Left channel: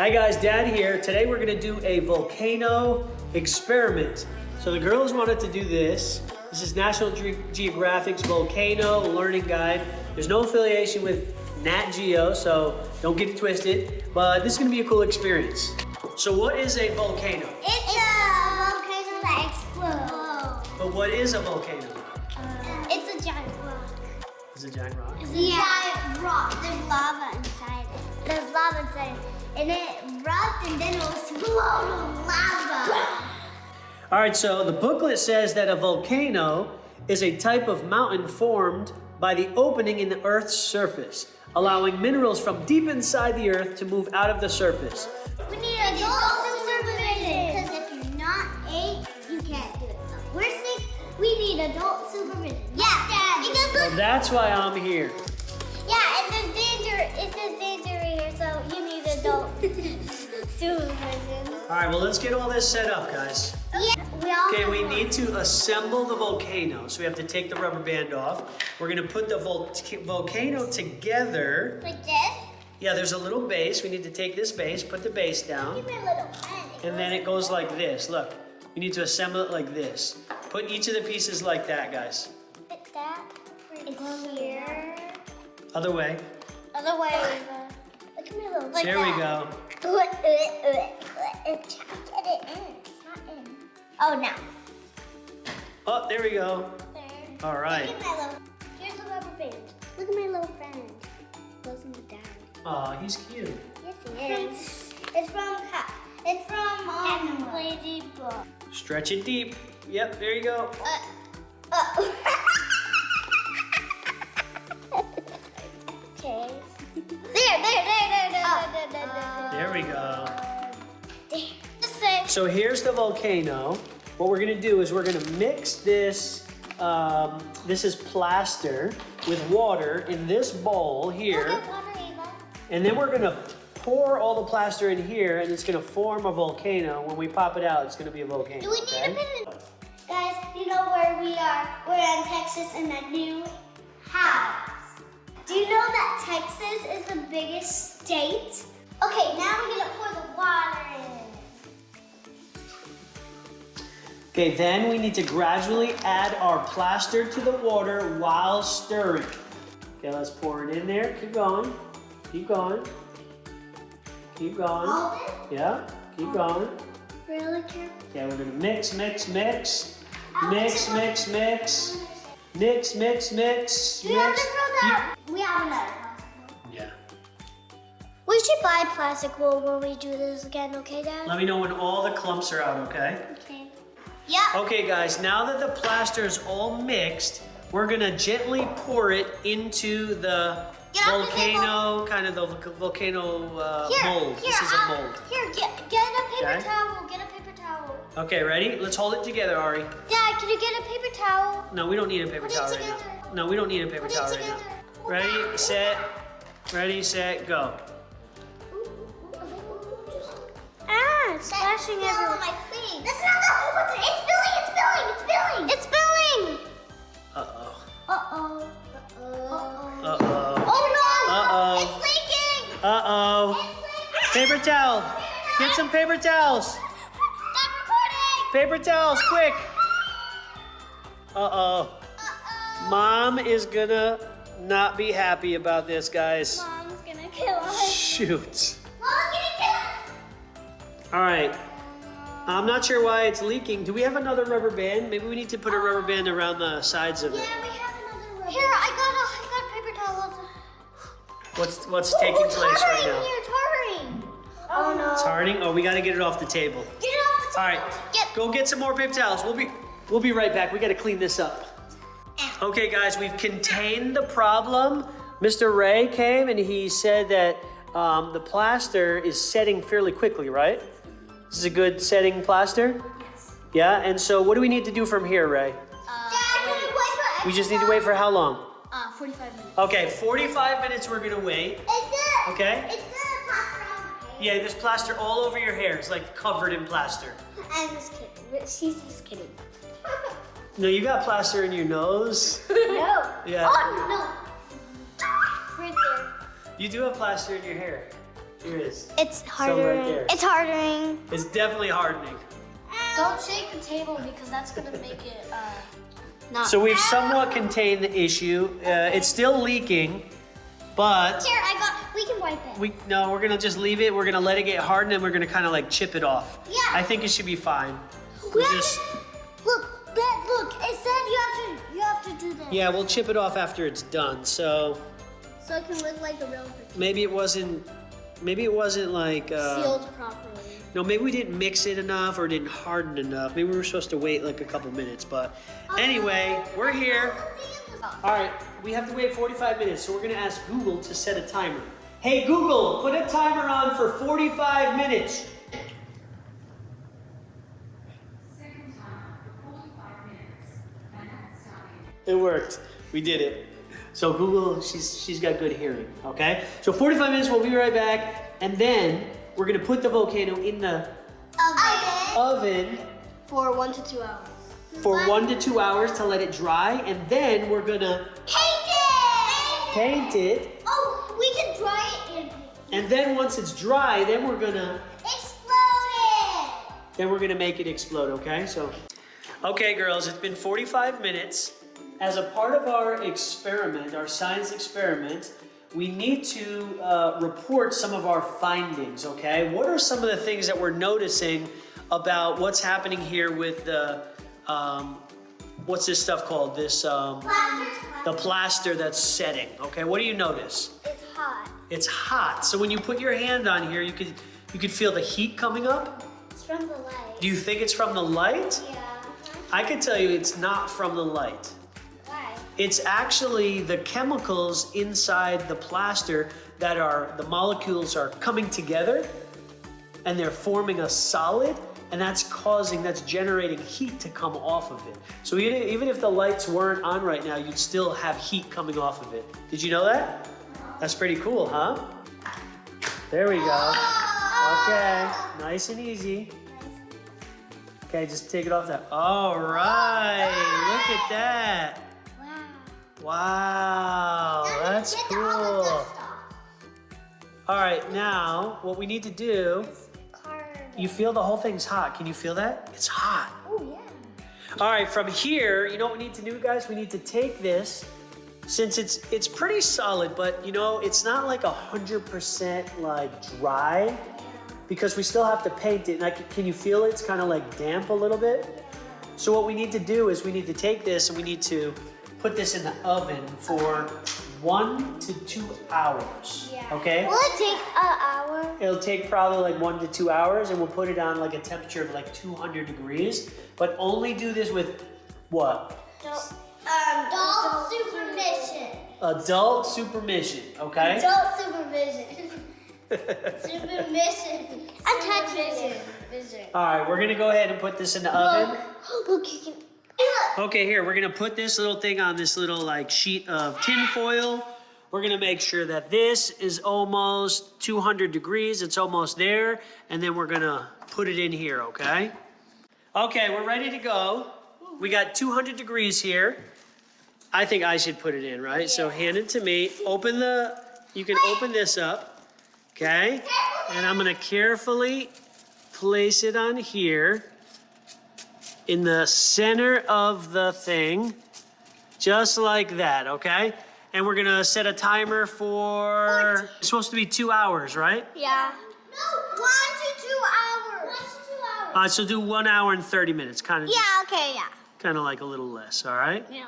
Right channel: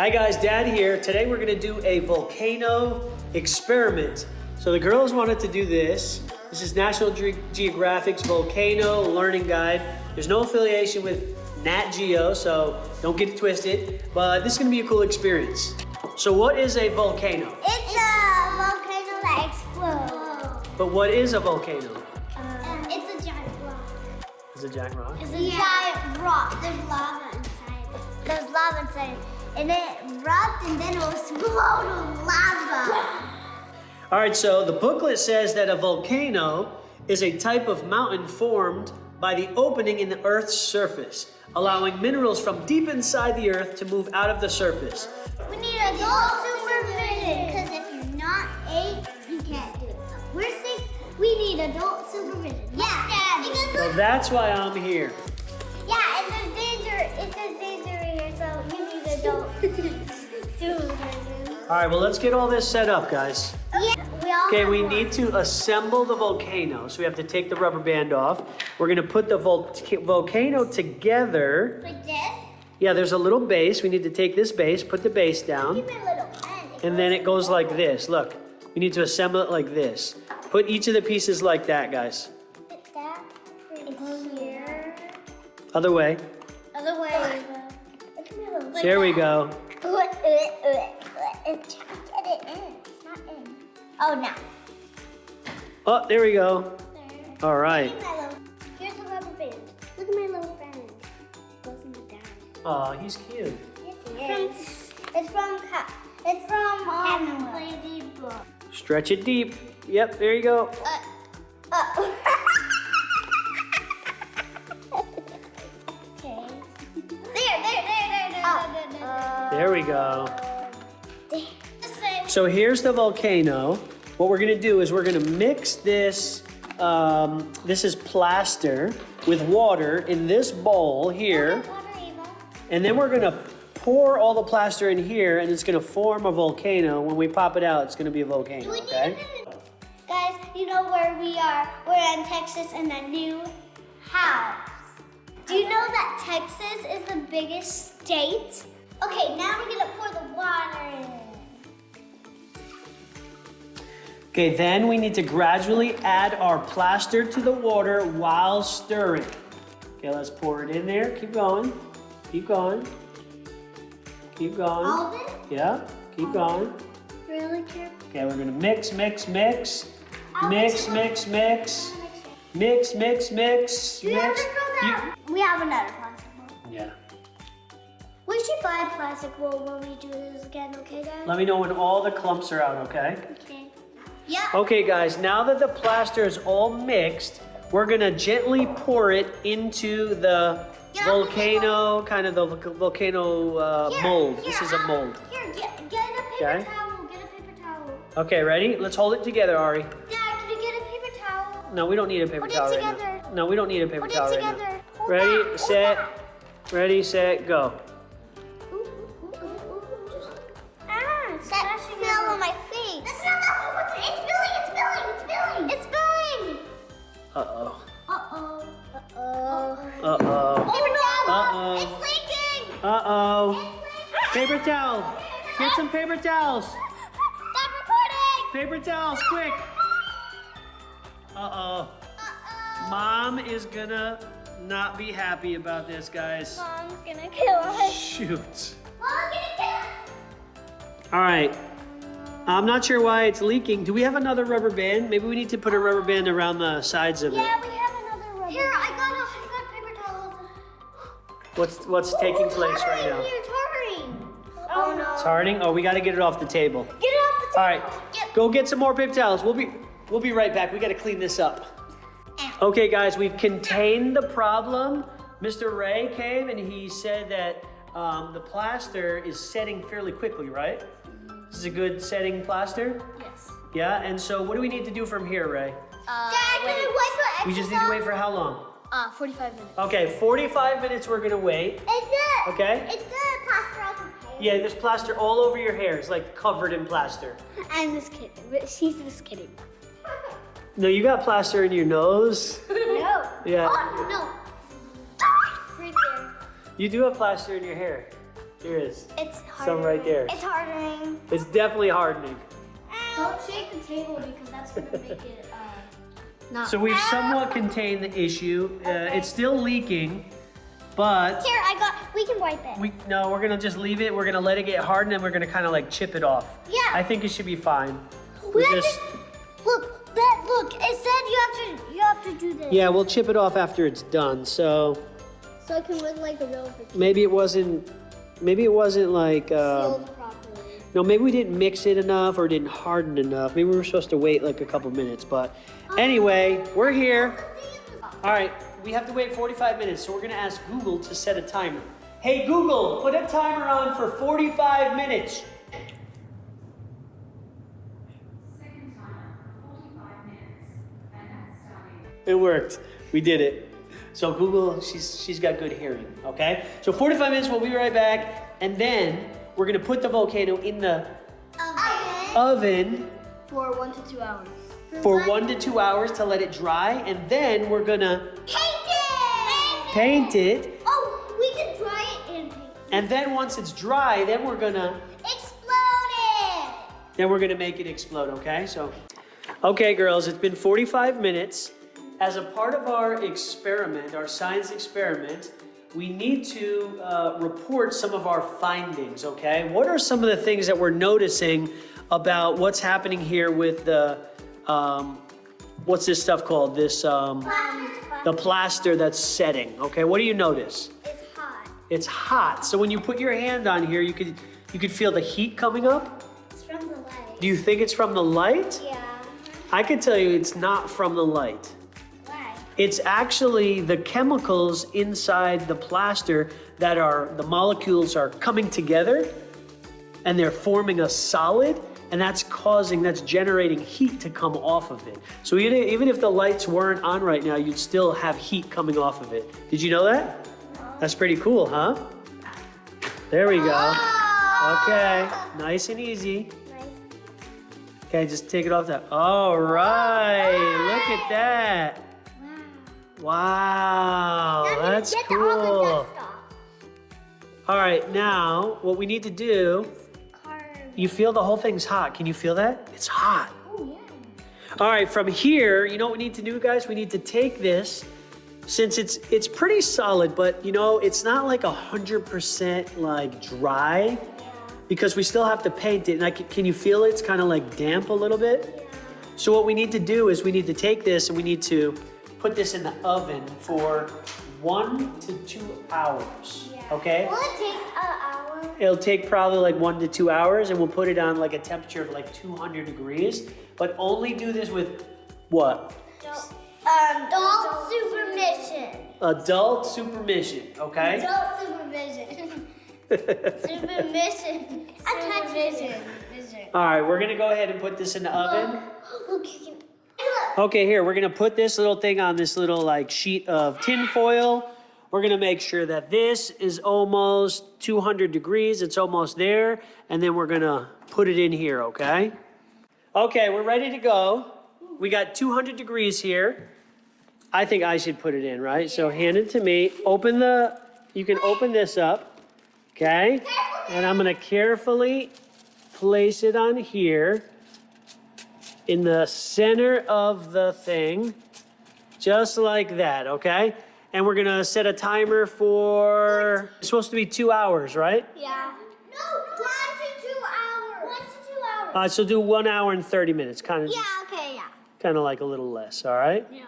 Hi guys, Dad here. Today we're gonna do a volcano experiment. So the girls wanted to do this. This is National Geographic's Volcano Learning Guide. There's no affiliation with Nat Geo, so don't get it twisted. But this is gonna be a cool experience. So what is a volcano? It's a volcano that explodes. But what is a volcano? It's a giant rock. It's a giant rock? It's a giant rock. There's lava inside it. There's lava inside it. And it erupted and then it will explode with lava. All right, so the booklet says that a volcano is a type of mountain formed by the opening in the Earth's surface, allowing minerals from deep inside the Earth to move out of the surface. We need adult supervision, because if you're not 8, you can't do it. We're 6, we need adult supervision. Yeah, Dad. Because look. That's why I'm here. Yeah, and there's danger. It says danger here, so you need adult supervision. All right, well, let's get all this set up, guys. Okay, we need to assemble the volcano. So we have to take the rubber band off. We're gonna put the volcano together. Like this? Yeah, there's a little base. We need to take this base, put the base down. Give me a little pen. And then it goes like this. Look, we need to assemble it like this. Put each of the pieces like that, guys. Put that here. Other way. Other way. Look at me a little. There we go. It's trying to get it in. It's not in. Oh, now. Oh, there we go. There. All right. Here's the rubber band. Look at my little friend. Goes in the dad. Oh, he's cute. Yes, he is. It's from Lazy Book. Stretch it deep. Yep, there you go. Okay. There we go. So here's the volcano. What we're gonna do is we're gonna mix this, this is plaster with water in this bowl here. And then we're gonna pour all the plaster in here and it's gonna form a volcano. When we pop it out, it's gonna be a volcano. Do we need a bit of... Guys, you know where we are? We're in Texas in a new house. Do you know that Texas is the biggest state? Okay, now we're gonna pour the water in. Okay, then we need to gradually add our plaster to the water while stirring. Okay, let's pour it in there. Keep going. Keep going. Keep going. All of it? Yeah, keep going. Really careful. Okay, we're gonna mix, mix, mix. I'll Mix, mix it mix, mix. Mix, mix, mix. Do we have to throw that? We have another one. Yeah. We should buy plastic wool when we do this again, okay, Dad? Let me know when all the clumps are out, okay? Okay. Yep. Okay, guys, now that the plaster is all mixed, we're gonna gently pour it into the volcano, kind of the volcano mold. This is a mold. Here, get a paper towel. Get a paper towel. Okay, ready? Let's hold it together, Ari. Dad, can you get a paper towel? No, we don't need a paper Put it towel right together. now. No, we don't need a paper Put towel it right together. now. Ready, set, go. It's splashing out on my face. That's not the whole one. It's spilling. It's spilling. It's spilling. It's spilling. Uh-oh. Uh-oh. Uh-oh. Uh-oh. Oh no! Uh-oh. It's leaking! Uh-oh. It's leaking! Paper towel. Get some paper towels. Stop recording! Paper towels, quick. Uh-oh. Uh-oh. Mom is gonna not be happy about this, guys. Mom's gonna kill us. Shoot. Mom's gonna kill us. All right. I'm not sure why it's leaking. Do we have another rubber band? Maybe we need to put a rubber band around the sides of it. Yeah, we have another rubber. Here, I got paper towels. What's taking place right now? It's hurrying. Oh no. It's hardening? Oh, we gotta get it off the table. Get it off the All right, go get some more paper towels. We'll be right back. We gotta clean this up. Okay, guys, we've contained the problem. Mr. Ray came and he said that the plaster is setting fairly quickly, right? This is a good setting plaster? Yes. Yeah, and so what do we need to do from here, Ray? Wait. We just need to wait for how long? 45 minutes. Okay, 45 minutes we're gonna wait. Okay? It's the plaster on the hair. Yeah, there's plaster all over your hair. It's like covered in plaster. I'm just kidding, but she's just kidding. No, you got plaster in your nose. No. Yeah. Oh, no. Right there. You do have plaster in your hair. Here it is. It's Still harder. right there. It's hardening. It's definitely hardening. Don't shake the table because that's gonna make it not. So we've somewhat contained the issue. It's still leaking, but Here, we can wipe it. we're gonna just leave it. We're gonna let it get hardened, and we're gonna kind of like chip it off. Yeah. I think it should be fine. We We'll just- look, it said you have to do this. yeah, we'll chip it off after it's done. So So it can look like the real thing. maybe it wasn't like Sealed properly. no, maybe we didn't mix it enough or didn't harden enough. Maybe we were supposed to wait like a couple minutes. But anyway, we're here. All right, we have to wait 45 minutes, so we're gonna ask Google to set a timer. Hey Google, put a timer on for 45 minutes. Second timer, 45 minutes, and that's starting. It worked. We did it. So Google, she's got good hearing, okay? So 45 minutes, we'll be right back, and then we're gonna put the volcano in the oven For 1 to 2 hours. for 1 to 2 hours to let it dry, and then we're gonna paint it, Oh, we can dry it and and then once it's dry, then we're gonna explode it. make it explode, okay? So, okay girls, it's been 45 minutes. As a part of our experiment, our science experiment, we need to report some of our findings, okay? What are some of the things that we're noticing about what's happening here with the, what's this stuff called? This, the plaster that's setting, okay? What do you notice? It's hot. It's hot. So when you put your hand on here, you could feel the heat coming up. It's from the light. Do you think it's from the light? Yeah. I can tell you it's not from the light. Why? It's actually the chemicals inside the plaster that the molecules are coming together and they're forming a solid, and that's generating heat to come off of it. So even if the lights weren't on right now, you'd still have heat coming off of it. Did you know that? That's pretty cool, huh? There we go. Okay, nice and easy. Okay, just take it off that. All right, look at that. Wow, that's Get all the cool. dust off. All right, now what we need to do, you feel the whole thing's hot. Can you feel that? It's hot. Oh yeah. All right, from here, you know what we need to do, guys? We need to take this, since it's pretty solid, but you know, it's not like 100% like dry, because we still have to paint it. And can you feel it? It's kind of like damp a little bit. So what we need to do is we need to take this and we need to put this in the oven for 1 to 2 hours. Yeah. Okay? Will it take an hour? It'll take probably like 1 to 2 hours, and we'll put it on like a temperature of like 200 degrees. But only do this with what? Adult supervision. Adult supervision, okay? Adult supervision. Supervision. Supervision. All right, we're gonna go ahead and put this in the oven. Look, you can. Okay, here, we're gonna put this little thing on this little like sheet of tin foil. We're gonna make sure that this is almost 200 degrees, it's almost there, and then we're gonna put it in here, okay? Okay, we're ready to go. We got 200 degrees here. I think I should put it in, right? So hand it to me. You can open this up, okay? And I'm gonna carefully place it on here in the center of the thing, just like that, okay? And we're gonna set a timer for, it's supposed to be 2 hours, right? Yeah. No, 1 to 2 hours. 1 to 2 hours. So do 1 hour and 30 minutes, kind of Yeah, okay, yeah. kind of like a little less, all right? Yeah.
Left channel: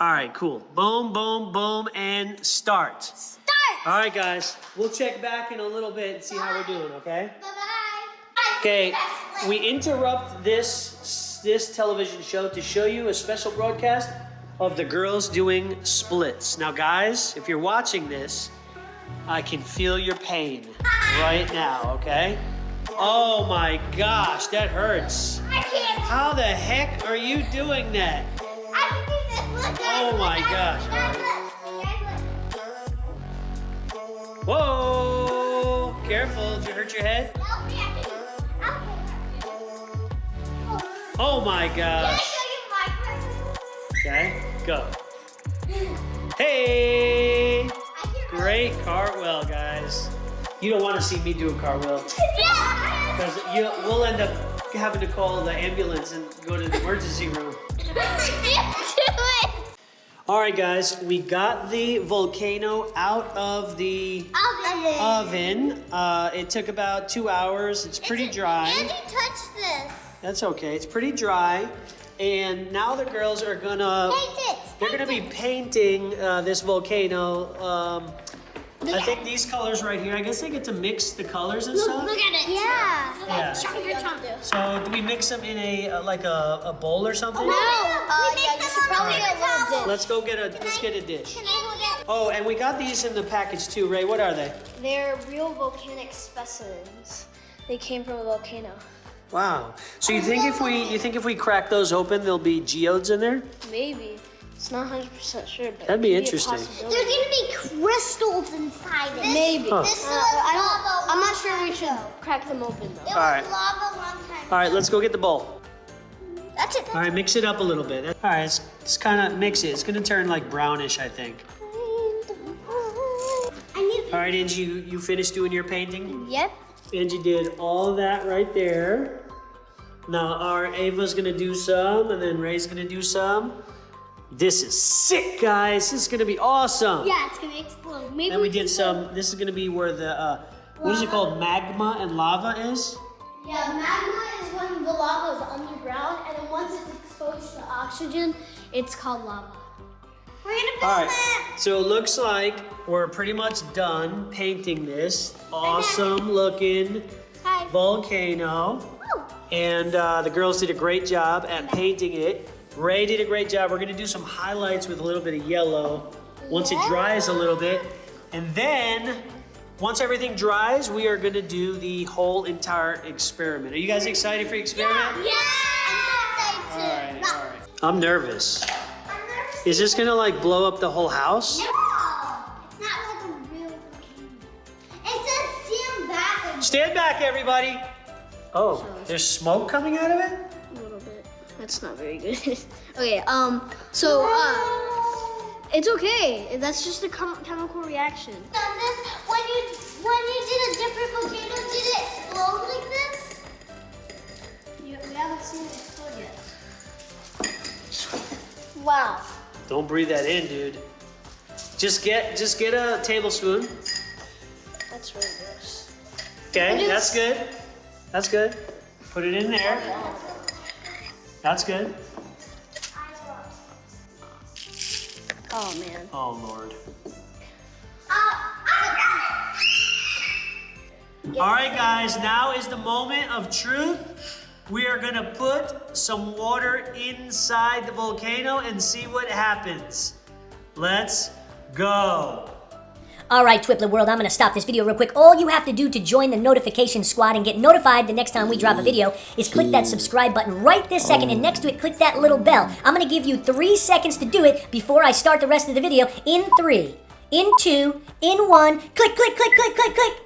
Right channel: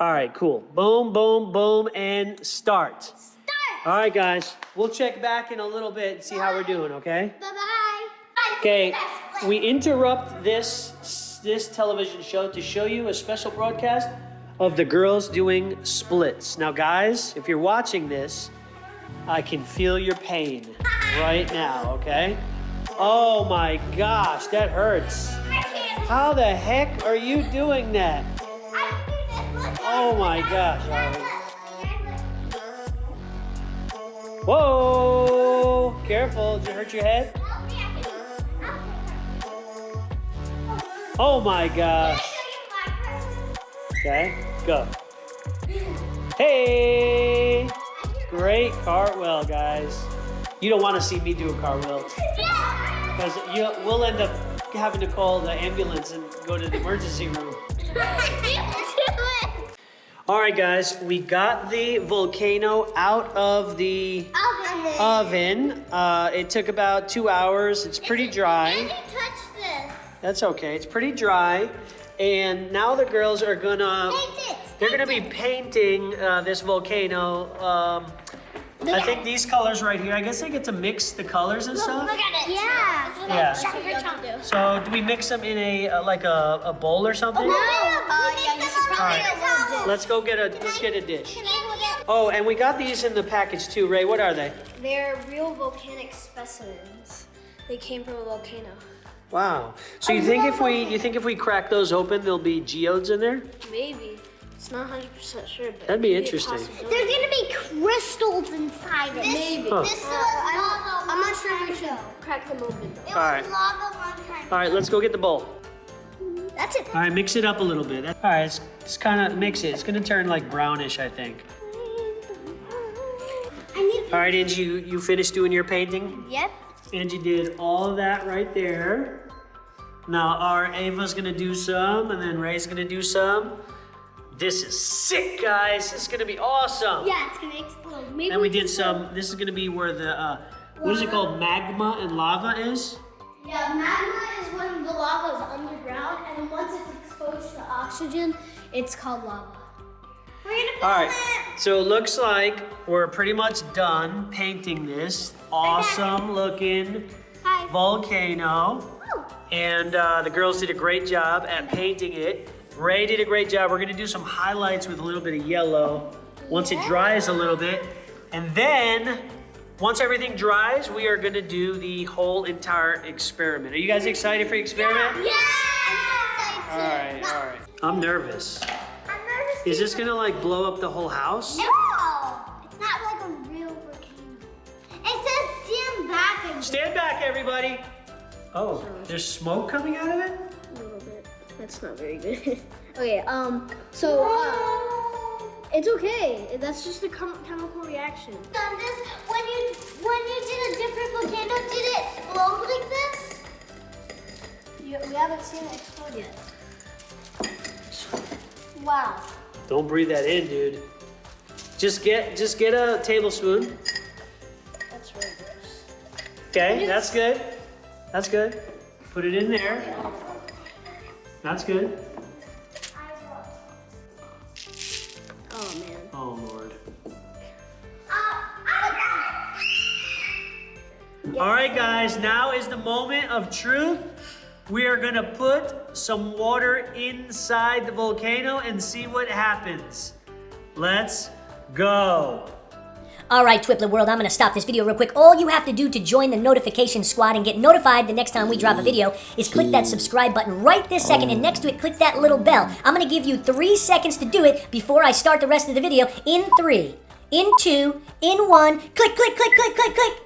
All right, cool. Boom, boom, boom, and start. Start. All right, guys, we'll check back in a little bit and see how we're doing, okay? Bye-bye. Okay, we interrupt this television show to show you a special broadcast of the girls doing splits. Now, guys, if you're watching this, I can feel your pain right now, okay? Oh my gosh, that hurts. I can't. How the heck are you doing that? I can do this. Look, Oh my gosh. All right. Whoa, careful, did you hurt your head? Help me, I can do. Oh my Can I gosh. show you my Okay, go. Hey, great cartwheel, guys. You don't want to see me do a cartwheel. Because we'll end up having to call the ambulance and go to the emergency room. All right, guys, we got the Volcano out of the oven. It took about 2 hours. It's pretty dry. Angie touched this. That's okay. It's pretty dry. And now the girls are gonna they're gonna be painting this volcano. I think these colors right here. I guess they get to mix the colors and stuff. Look at it. Yeah. So do we mix them in a like a bowl or something? We mix them on a paper towel. Let's get a dish. Oh, and we got these in the package too, Ray. What are they? They're real volcanic specimens. They came from a volcano. Wow. So you think if we crack those open, there'll be geodes in there? Maybe. It's not 100% sure, but That'd be interesting. There's gonna be crystals inside it. Maybe. Huh. This was lava. I'm not sure we should crack them open. It was All right. lava one time. All right, let's go get the bowl. That's it. All right, mix it up a little bit. All right, let's kind of mix it. It's gonna turn like brownish, I think. All right, Angie, you finished doing your painting? Yep. Angie did all of that right there. Now our Ava's gonna do some, and then Ray's gonna do some. This is sick, guys. This is gonna be awesome. Yeah, it's gonna explode. Maybe And we did some. This is gonna be where the what is it called? Magma and lava is. Yeah, magma is when the lava is underground, and then once it's exposed to oxygen, it's called lava. We're gonna All film right. it. So it looks like we're pretty much done painting this awesome looking Hi. volcano. Woo. And the girls did a great job at painting it. Ray did a great job. We're gonna do some highlights with a little bit of yellow once it dries a little bit. And then, once everything dries, we are gonna do the whole entire experiment. Are you guys excited for the experiment? Yeah. I'm so excited. All right. I'm nervous. Is this gonna like blow up the whole house? No, it's not like a real volcano. It says stand back. And Stand back, everybody. Oh, there's smoke coming out of it? A little bit. That's not very good. Okay, it's okay. That's just a chemical reaction. Done this when you did a different volcano. Did it explode like this? We haven't seen it explode yet. Wow. Don't breathe that in, dude. Just get a tablespoon. That's really gross. Okay, that's good. That's good. Put it in there. That's good. Oh man. Oh, Lord. All right, guys, now is the moment of truth. We are gonna put some water inside the volcano and see what happens. Let's go. All right, TwipletWorld, I'm going to stop this video real quick. All you have to do to join the notification squad and get notified the next time we drop a video is click that subscribe button right this second, and next to it, click that little bell. I'm going to give you 3 seconds to do it before I start the rest of the video. In 3, in 2, in 1, click, click, click, click, click, click.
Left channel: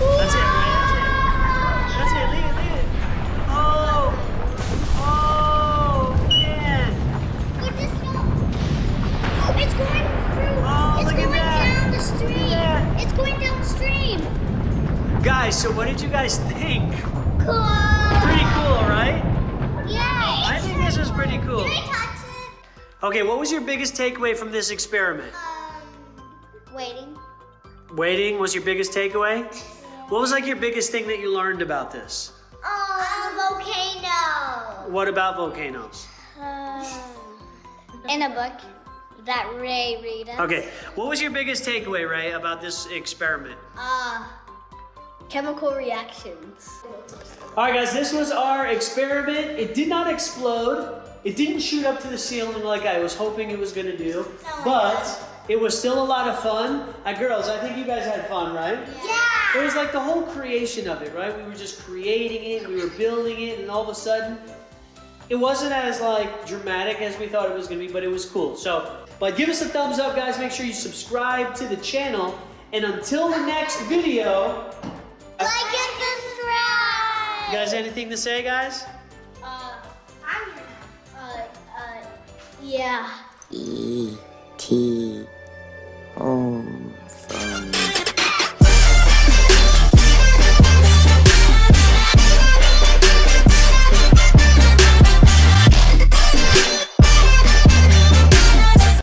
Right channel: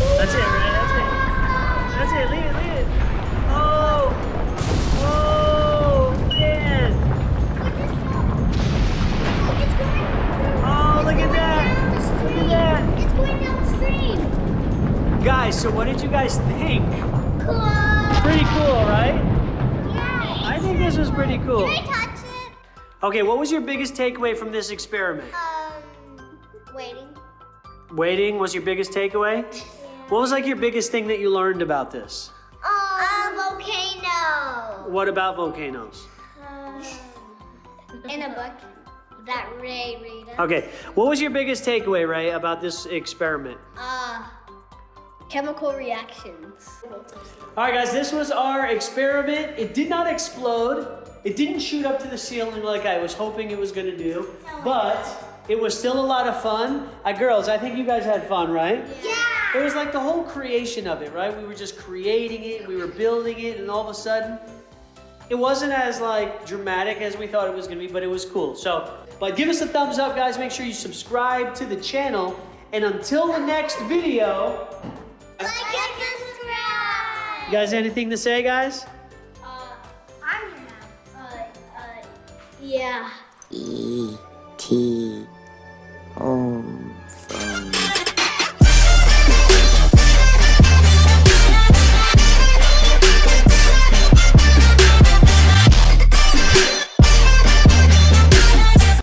That's it, right? That's it. Leave it. Oh, man. It's going. Oh, look at that. Look at that. It's going downstream. Guys, so what did you guys think? Cool. Pretty cool, right? Yeah. I think this was pretty cool. Can I touch it? Okay, what was your biggest takeaway from this experiment? Waiting. Waiting was your biggest takeaway? What was like your biggest thing that you learned about this? Volcano. What about volcanoes? In a book that Ray read. Okay, what was your biggest takeaway, Ray, about this experiment? Chemical reactions. All right, guys, this was our experiment. It did not explode. It didn't shoot up to the ceiling like I was hoping it was gonna do, but it was still a lot of fun. Girls, I think you guys had fun, right? Yeah. It was like the whole creation of it, right? We were just creating it, we were building it, and all of a sudden, it wasn't as like dramatic as we thought it was gonna be, but it was cool. So, but give us a thumbs up, guys. Make sure you subscribe to the channel. And until the next video, Like and subscribe. you guys anything to say, guys? Yeah. E.T.